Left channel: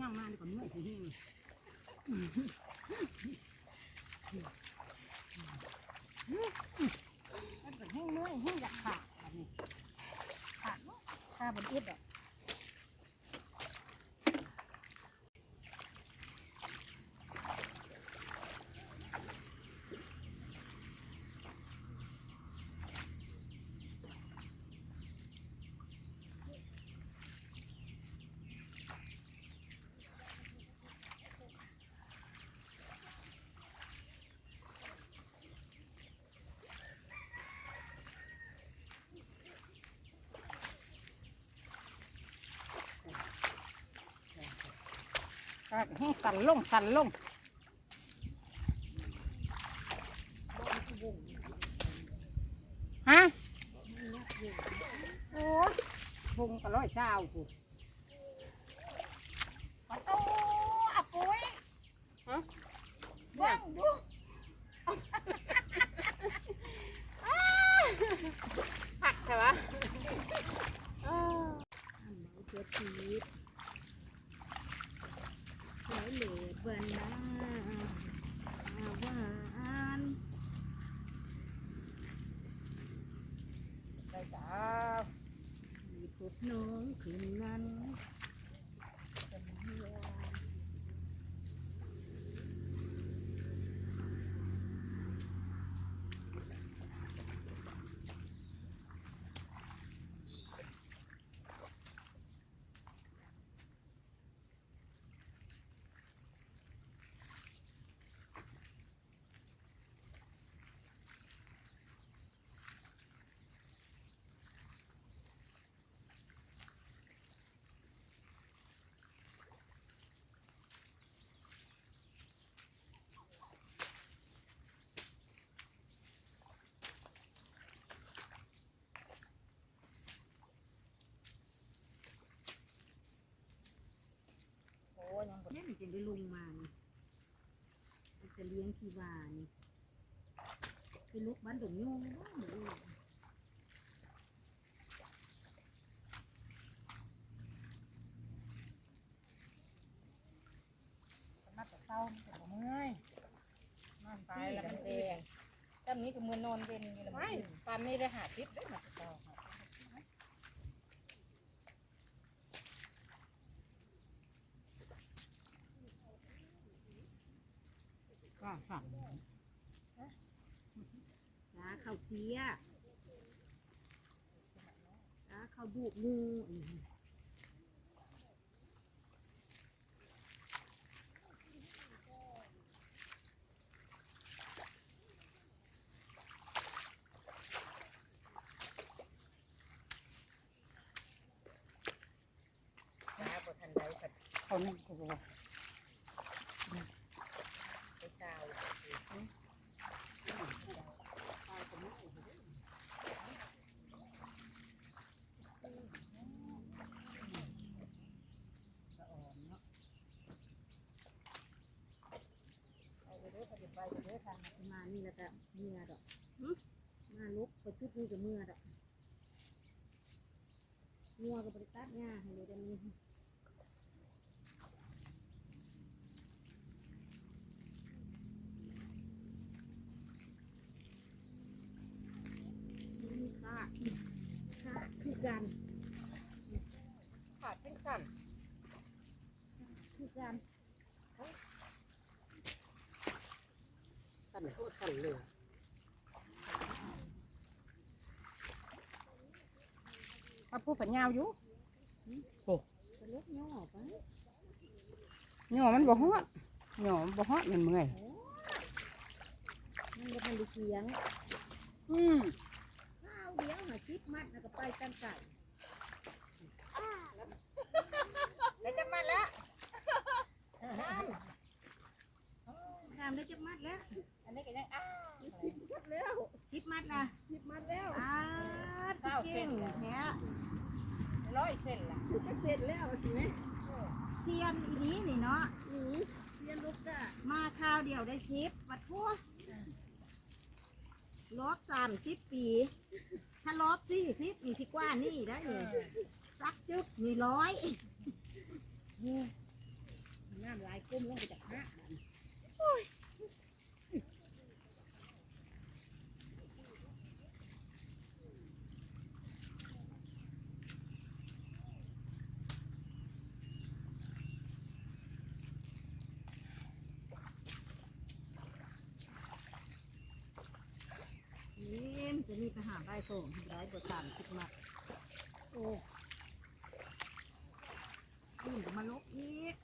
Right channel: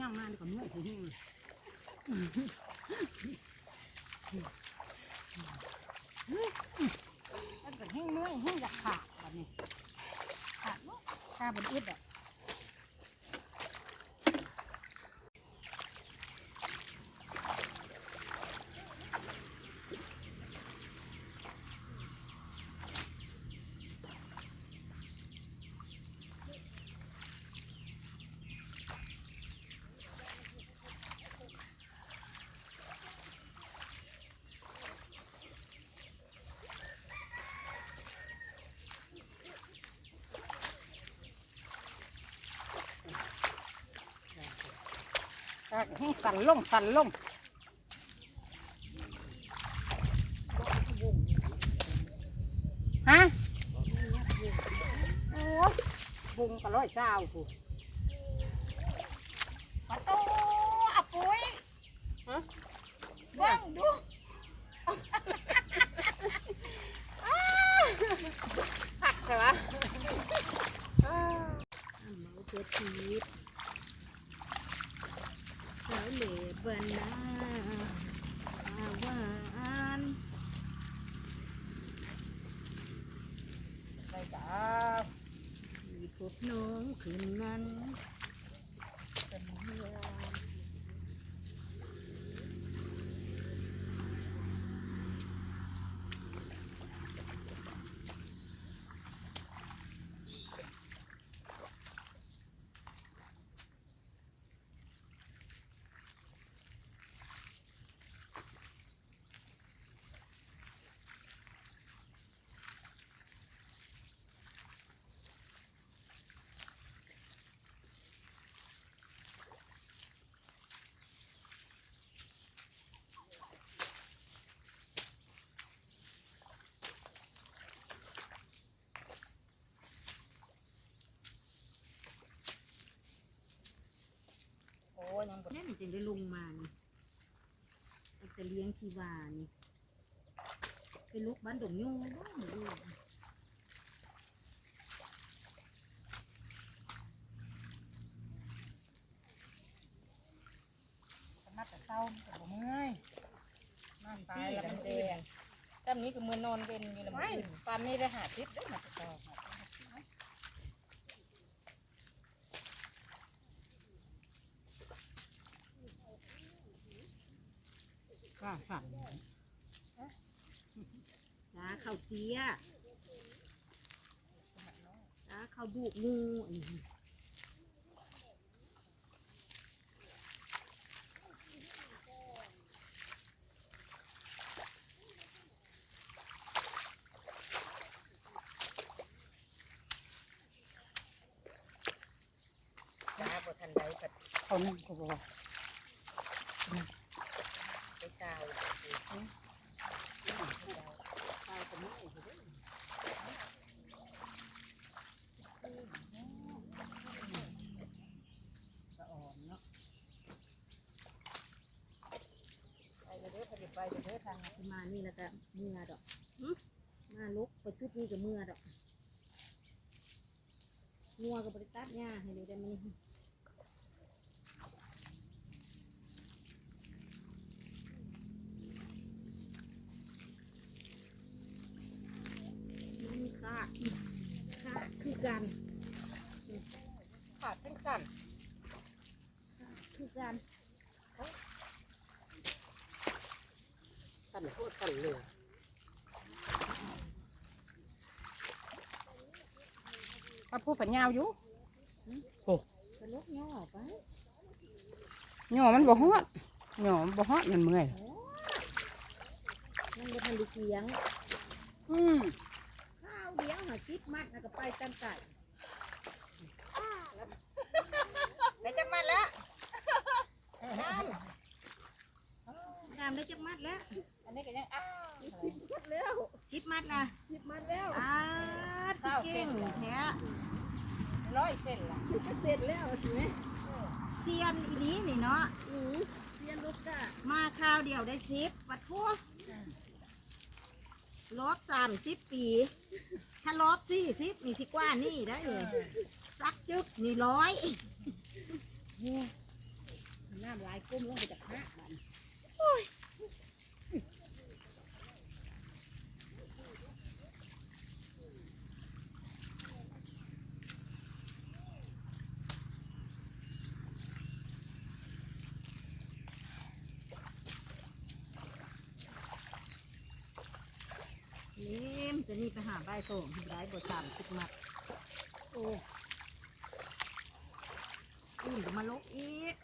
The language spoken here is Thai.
ย่างมาดีกว่าเมื่อยถึงหิ้งมันก็แห้งเมื่อยแห้งอยากขาดแบบนี้ขาดตาบนอึดอะ ให้สั่นลงสั่นลงฮะโอ้ยบุงก็ร้อยเจ้าผู้ ประตูอะปุ้ยเบิ่งดูผักใช่ปะ เจ็ดชีวิตสาวเหล่บรรณาอาวาน ไปจ้า มีพบ น้องคืนนั้น โอ้ยยังนั่นจะได้ลงมานี่มันจะเลี้ยงชีวานี่เป็นลูกบ้านดงยูบ้านดงยูมาแต่เศร้ามันก็บ่เมื่อยนอนตายแล้วมันแดงซ้ำนี้ก็มือนอนเป็นอย่างนี้ละไม่ปานนี้ได้หาทิพย์ได้มาแต่เศร้าค่ะ ก็สั่นตาเขาเตี้ยตาเขาบุกงูนี่จ้าบ่ทันได้ก็เขานั่งก็บอก ไปเศร้า สะอ่อนเนาะ ไปเด้อไปเด้อไปเด้อทาง ประมาณนี้แล้ว ก็เมื่อดอกมาลุกไปชุดนี้กับเมื่อดอกงัวกับบริตัดหญ้าให้ดูได้ไหมนี่ค่ะค่ะคือกันขาดทั้งสั่นกัน สั่นโคตรสั่นเหลือถ้าพูดปัญญาวอยู่เป็นลูกย่อไปหย่อมันบ่ฮอดหย่อมันบ่ฮอดมันเมื่อยมันจะเป็นเสียงอืมข้าวเลี้ยงหาซิปมัดแล้วก็ไปตันตัน ได้จังมาแล้ว ตามได้จักมัดแล้ว อันนี้ก็ยังอ้าว มัดแล้วซิปมัดนะ สิบมัดแล้ว อ่า เก่งแท้ร้อยเส้นละจะเสร็จแล้วใช่ไหมเซียนอีนี้นี่เนาะเรียนลูกกะมาข้าวเดียวได้ซิปปัดทั่วลบสามสิบปี ถ้าลบสี่สิบนี่สิกว่านี่ได้เลยซักจึ๊บนี่ร้อยน้ำลายก้มลงไปจากหน้ามันนี่ ไปหาใบส่งทำร้ายบทสามสิบมาโอ้อุ่นมาลุกอีก